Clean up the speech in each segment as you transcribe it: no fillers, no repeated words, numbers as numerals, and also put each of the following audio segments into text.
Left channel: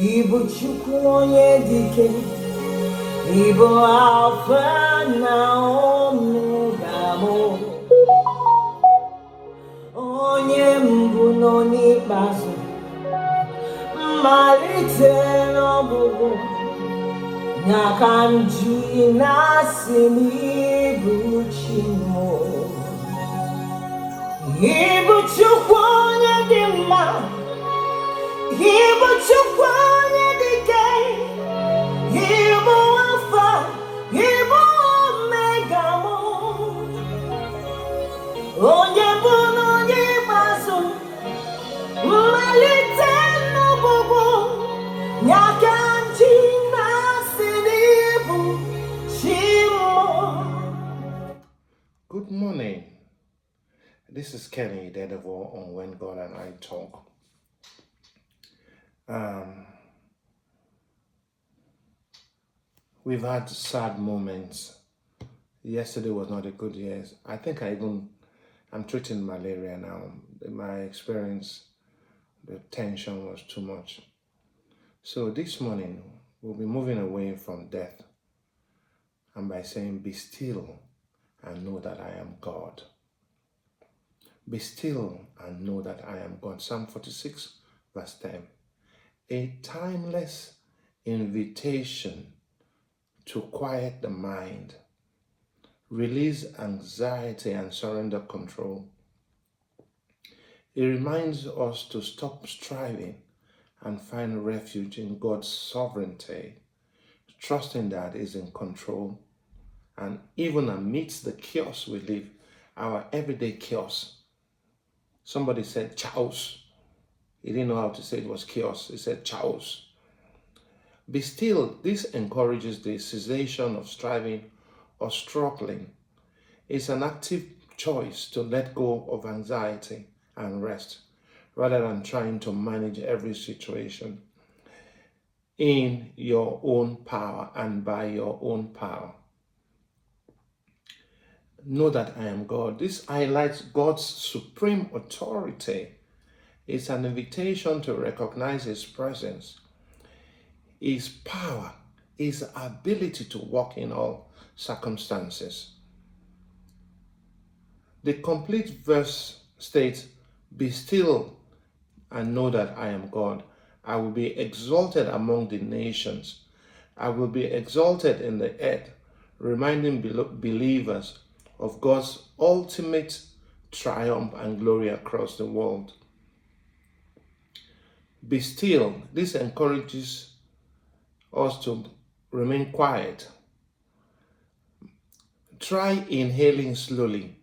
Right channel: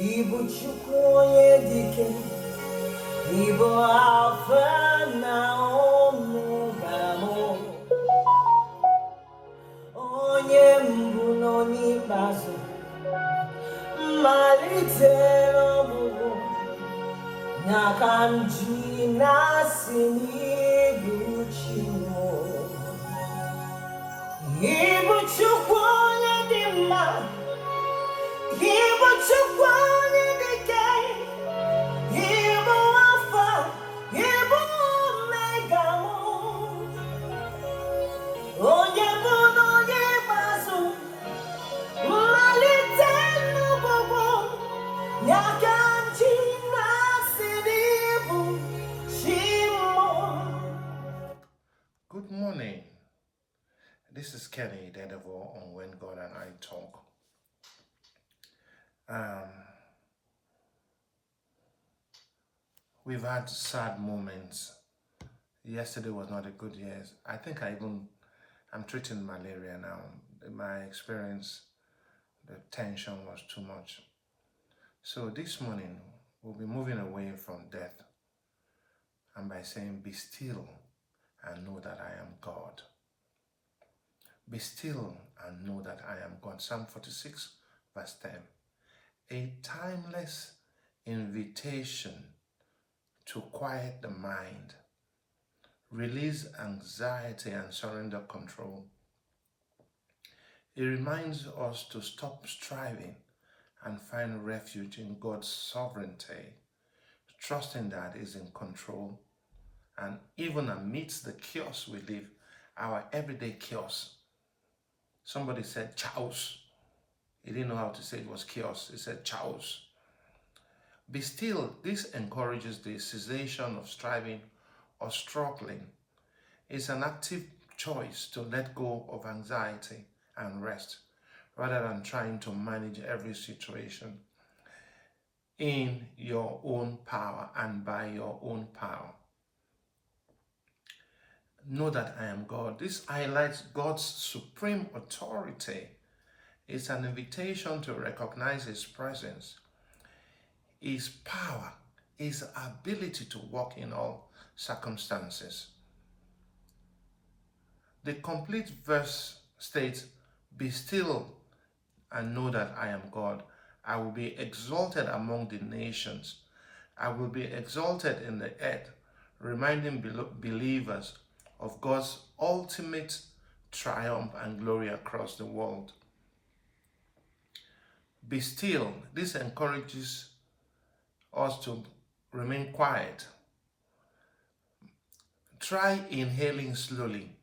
Ibu chukwu onye dike, Ibu Alpha na Omega mụ, onye mbụ n'onye ikpeazụ, mmalite n'ọgwụgwụ, ya ka m ji na-asị n'ibu chi mụ. Ibu chukwu onye dị mma, Ibu chukwu onye dike, Ibu Alpha, Ibu Omega mụ, onye bụ n'onye ikpeazụ, mmalite n'ọgwụgwụ, ya ka m ji na-asị n'ibu chi mụ. Good morning. This is Kenny Idedevbo on When God and I Talk. We've had sad moments. Yesterday was not a good year. I think I'm treating malaria now. In my experience, the tension was too much. So this morning, we'll be moving away from death, and by saying, be still and know that I am God. Be still and know that I am God. Psalm 46 verse 10. A timeless invitation to quiet the mind, release anxiety and surrender control. It reminds us to stop striving and find refuge in God's sovereignty, trusting that He's in control. And even amidst the chaos we live, our everyday chaos. Somebody said chaos. He didn't know how to say it was chaos. He said chaos. Be still. This encourages the cessation of striving or struggling. It's an active choice to let go of anxiety and rest, rather than trying to manage every situation in your own power and by your own power. Know that I am God. This highlights God's supreme authority. It's an invitation to recognize His presence, His power, His ability to work in all circumstances. The complete verse states, be still and know that I am God. I will be exalted among the nations. I will be exalted in the earth, reminding believers of God's ultimate triumph and glory across the world. Be still. This encourages us to remain quiet. Try inhaling slowly,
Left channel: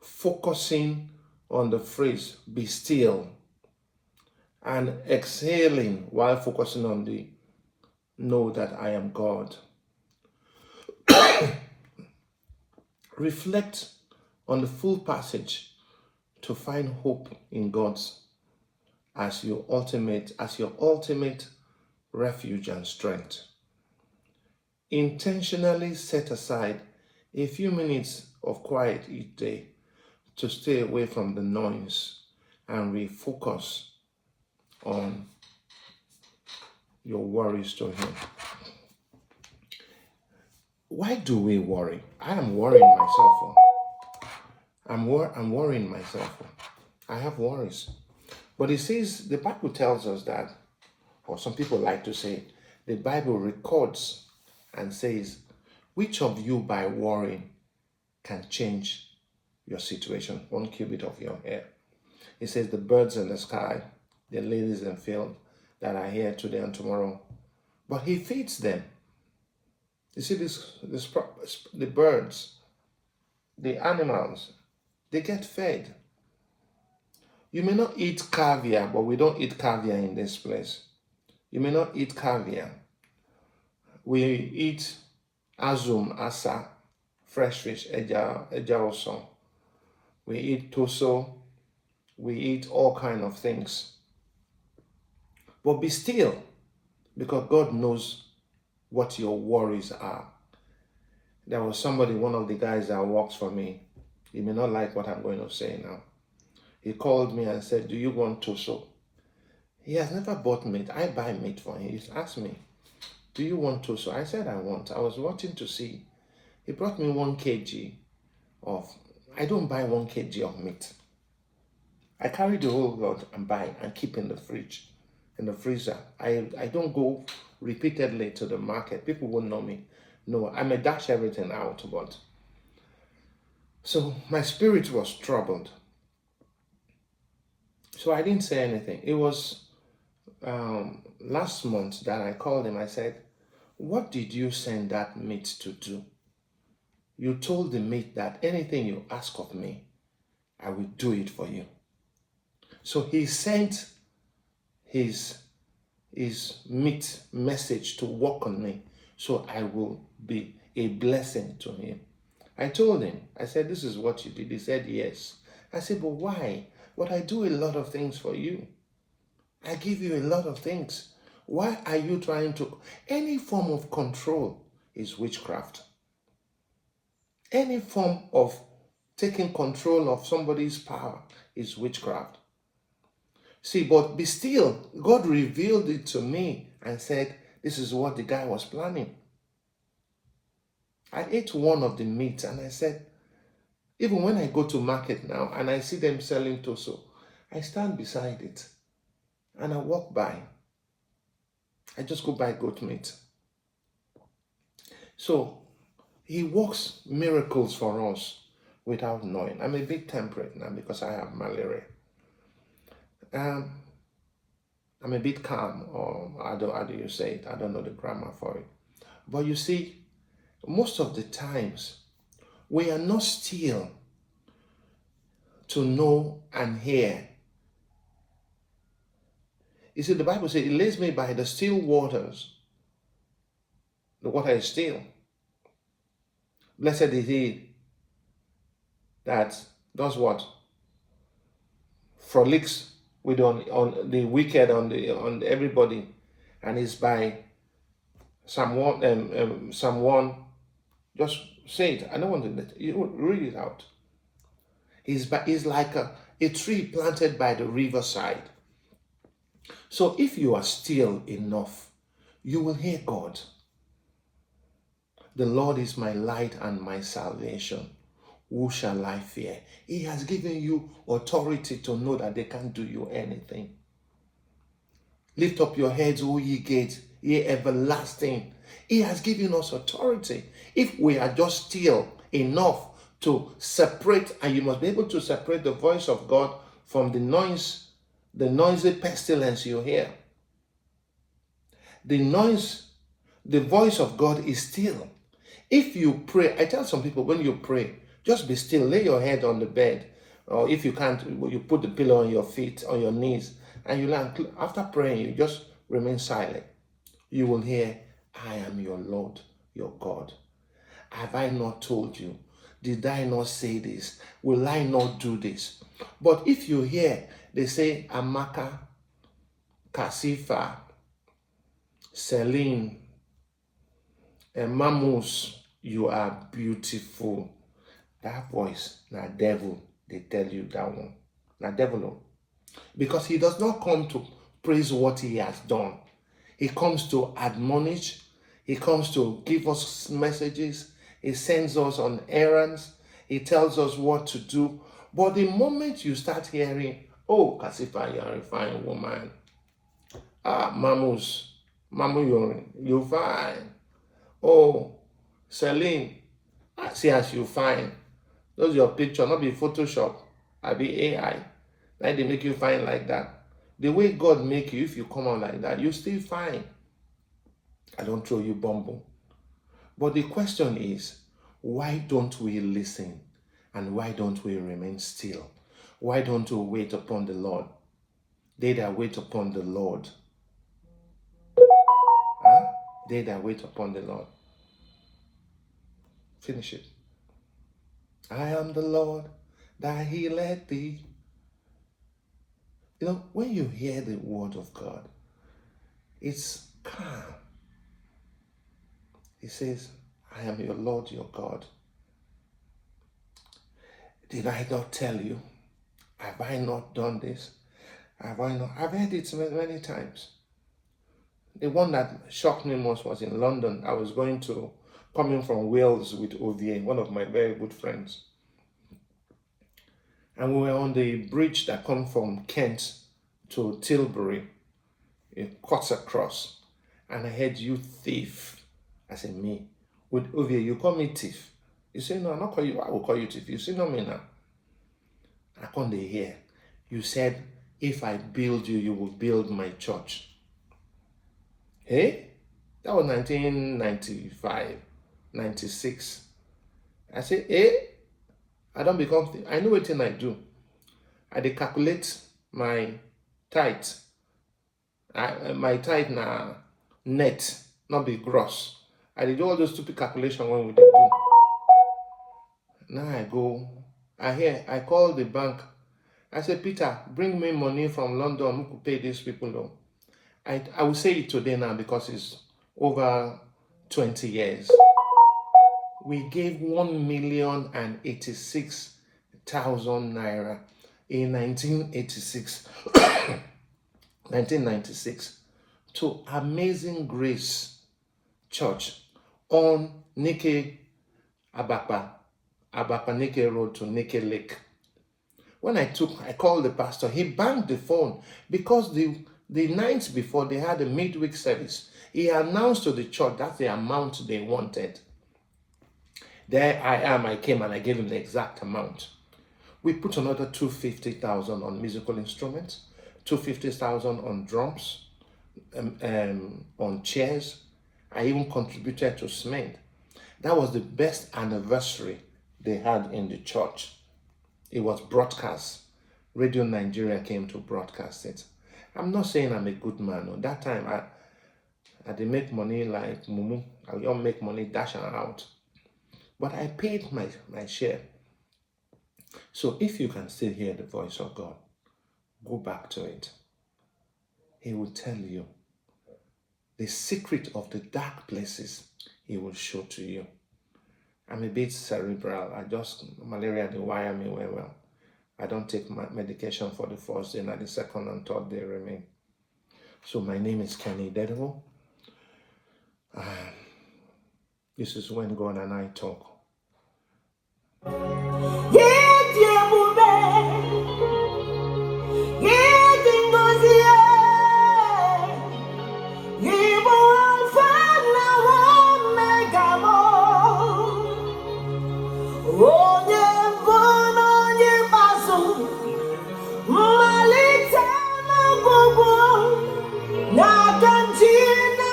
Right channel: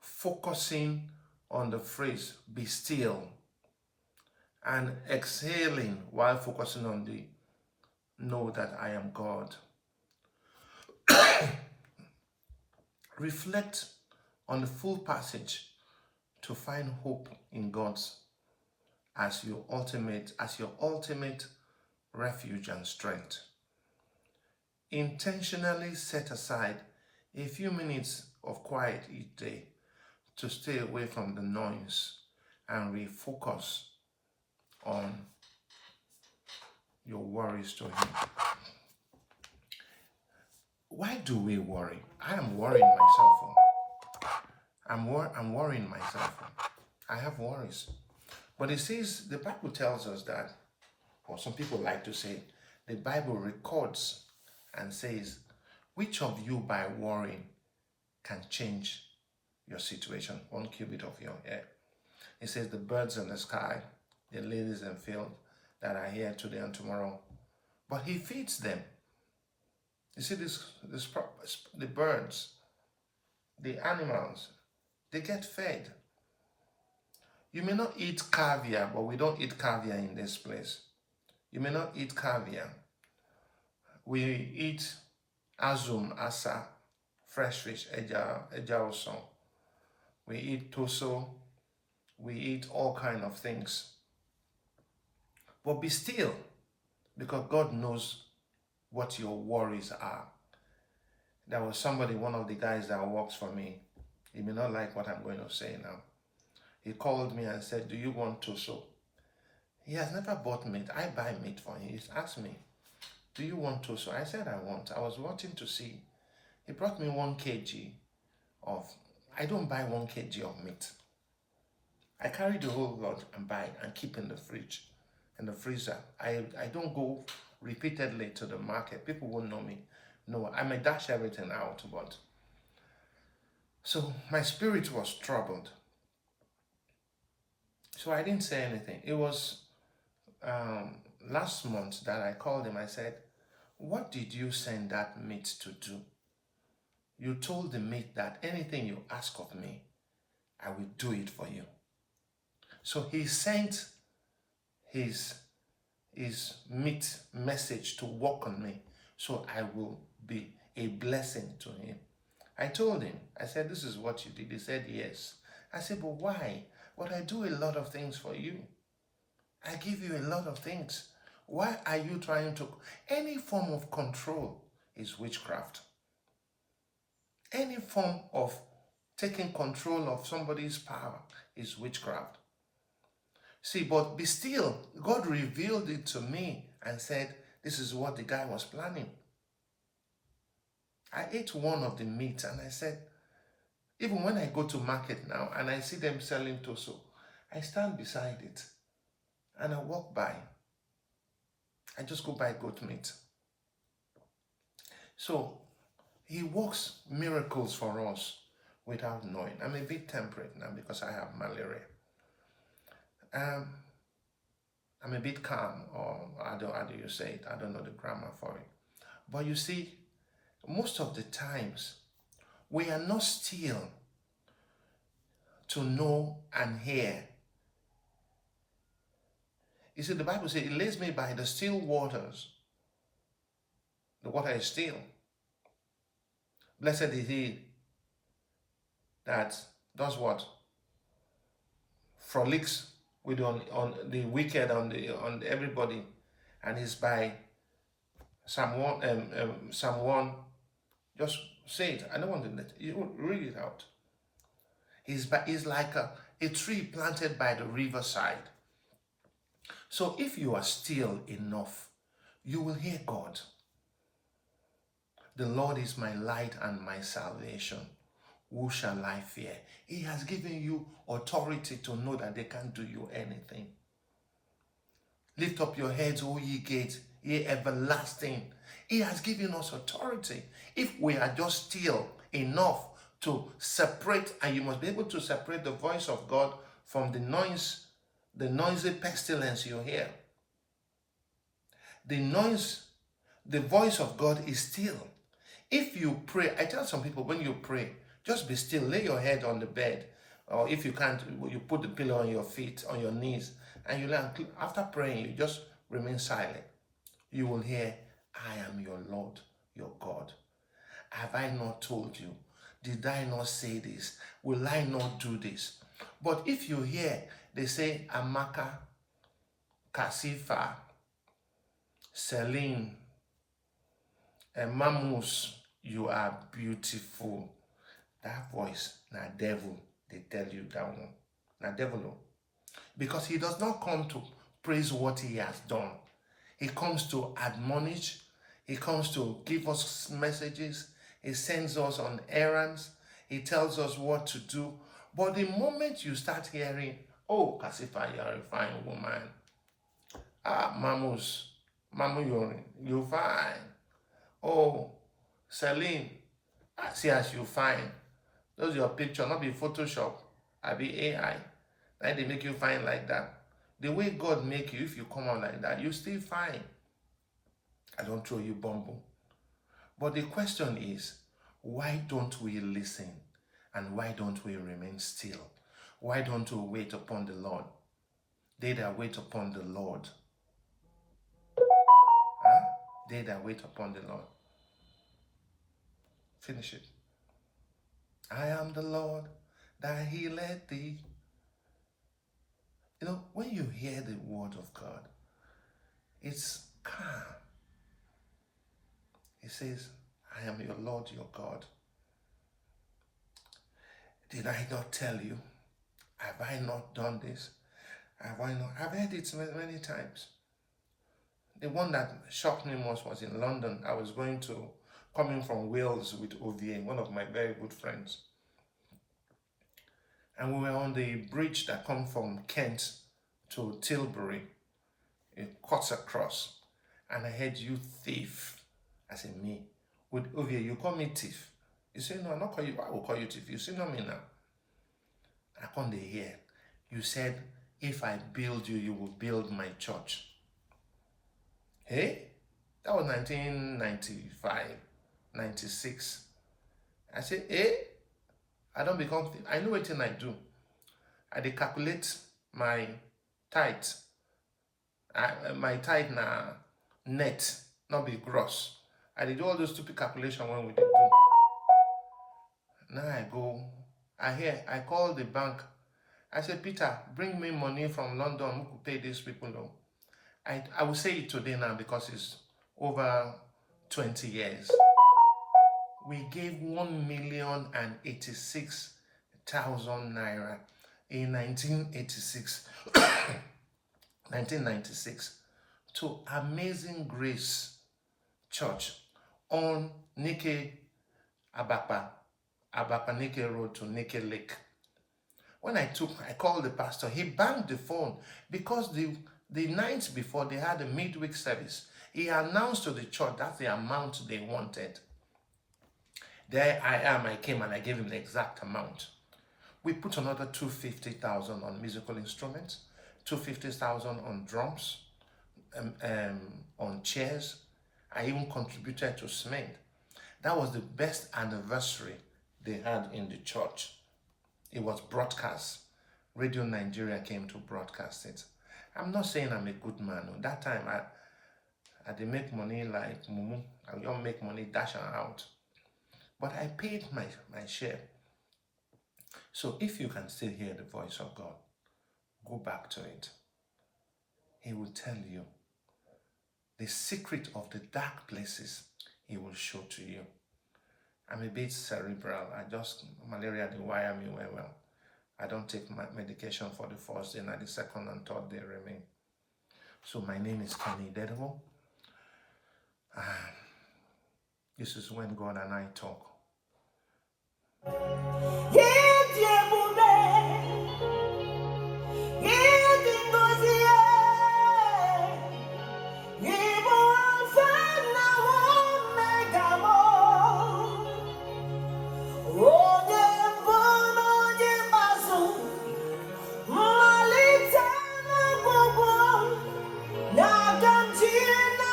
focusing on the phrase, be still, and exhaling while focusing on the know that I am God. Reflect on the full passage to find hope in God's as your ultimate refuge and strength. Intentionally set aside a few minutes of quiet each day to stay away from the noise and refocus on your worries to Him. Why do we worry? I am worrying myself. I'm worrying myself. I have worries. But it says, the Bible tells us that, or some people like to say, the Bible records and says, which of you by worrying can change your situation, 1 cubit of your hair? It says, the birds in the sky, the lilies in the field that are here today and tomorrow, but He feeds them. You see, the birds, the animals, they get fed. You may not eat caviar, but we don't eat caviar in this place. You may not eat caviar. We eat azum, asa, fresh fish, eja also. We eat toso. We eat all kinds of things. But be still, because God knows what your worries are. There was somebody, one of the guys that works for me. He may not like what I'm going to say now. He called me and said, do you want toso? He has never bought meat. I buy meat for him. He's asked me, do you want to? So I said I want. I was watching to see. He brought me 1 kg of, I don't buy 1 kg of meat. I carry the whole lot and buy and keep in the fridge, in the freezer. I don't go repeatedly to the market. People won't know me. No, I may dash everything out, but so my spirit was troubled. So I didn't say anything. It was last month that I called him. I said, what did you send that meat to do? You told the meat that anything you ask of me, I will do it for you. So he sent his meat message to work on me, so I will be a blessing to him. I told him, I said, this is what you did. He said, yes. I said, but why? But I do a lot of things for you. I give you a lot of things. Why are you trying to? Any form of control is witchcraft. Any form of taking control of somebody's power is witchcraft. See, but be still. God revealed it to me and said, this is what the guy was planning. I ate one of the meat and I said, even when I go to market now and I see them selling toso, I stand beside it and I walk by. I just go buy goat meat. So he works miracles for us without knowing. I'm a bit temperate now because I have malaria. I'm a bit calm, or how do you say it? I don't know the grammar for it. But you see, most of the times, we are not still to know and hear. You see, the Bible says, it leads me by the still waters. The water is still. Blessed is he that does what? Frolics with on the wicked, on everybody, and is by Psalm 1. Psalm 1. Just say it. I don't want to let you read it out. He's like a tree planted by the riverside. So if you are still enough, you will hear God. The Lord is my light and my salvation. Who shall I fear? He has given you authority to know that they can't do you anything. Lift up your heads, O ye gates, ye everlasting. He has given us authority. If we are just still enough to separate, and you must be able to separate the voice of God from the noise, the noisy pestilence you hear. The voice of God is still. If you pray, I tell some people, when you pray, just be still, lay your head on the bed, or if you can't, you put the pillow on your feet, on your knees, and you learn. After praying, you just remain silent. You will hear, I am your Lord, your God. Have I not told you? Did I not say this? Will I not do this? But if you hear, they say, Amaka, Kasifa, Celine, and Mamus, you are beautiful. That voice, na devil, they tell you that one. Na devil. Because he does not come to praise what he has done. He comes to admonish. He comes to give us messages. He sends us on errands. He tells us what to do. But the moment you start hearing, oh, Kasifa, you're a fine woman. Ah, Mamu, you're fine. Oh, Celine, I see as you fine. Those your picture, not be Photoshop. I be AI. Like they make you fine like that. The way God make you, if you come out like that, you still fine. I don't throw you bumble. But the question is, why don't we listen? And why don't we remain still? Why don't we wait upon the Lord? They that wait upon the Lord. Huh? They that wait upon the Lord. Finish it. I am the Lord that healeth thee. You know, when you hear the word of God, it's calm. He says, I am your Lord, your God. Did I not tell you? Have I not done this? Have I not? I've heard it many times. The one that shocked me most was in London. I was coming from Wales with OVA, one of my very good friends. And we were on the bridge that comes from Kent to Tilbury. It cuts across. And I heard, "You thief." I said, "Me? With OVA, you call me thief?" You say, "No, I'm not call you. I will call you thief." You say, "No, me now." I can't hear. You said, "If I build you, you will build my church." Hey? That was 1995, 96. I said, I don't become, I know what thing I do. I dey calculate my tithe. My tithe na net, not be gross. I did do all those stupid calculations when we did do. Now I call the bank. I said, "Peter, bring me money from London. Who could pay these people loan?" I will say it today now because it's over 20 years. We gave 1,086,000 naira in 1996 to Amazing Grace Church on Nike Abapa Nike Road to Nike Lake. When I called the pastor, he banged the phone because the nights before they had a midweek service. He announced to the church that's the amount they wanted. There I came and I gave him the exact amount. We put another 250,000 on musical instruments, 250,000 on drums, on chairs. I even contributed to cement. That was the best anniversary they had in the church. It was broadcast. Radio Nigeria came to broadcast it. I'm not saying I'm a good man. At that time, I did make money like Mumu. I don't make money dash out. But I paid my share. So if you can still hear the voice of God, go back to it. He will tell you the secret of the dark places. He will show to you. I'm a bit cerebral. Malaria, they wire me well. I don't take my medication for the first day, and the second and third day remain. So my name is Idedevbo. This is when God and I talk. Yeah.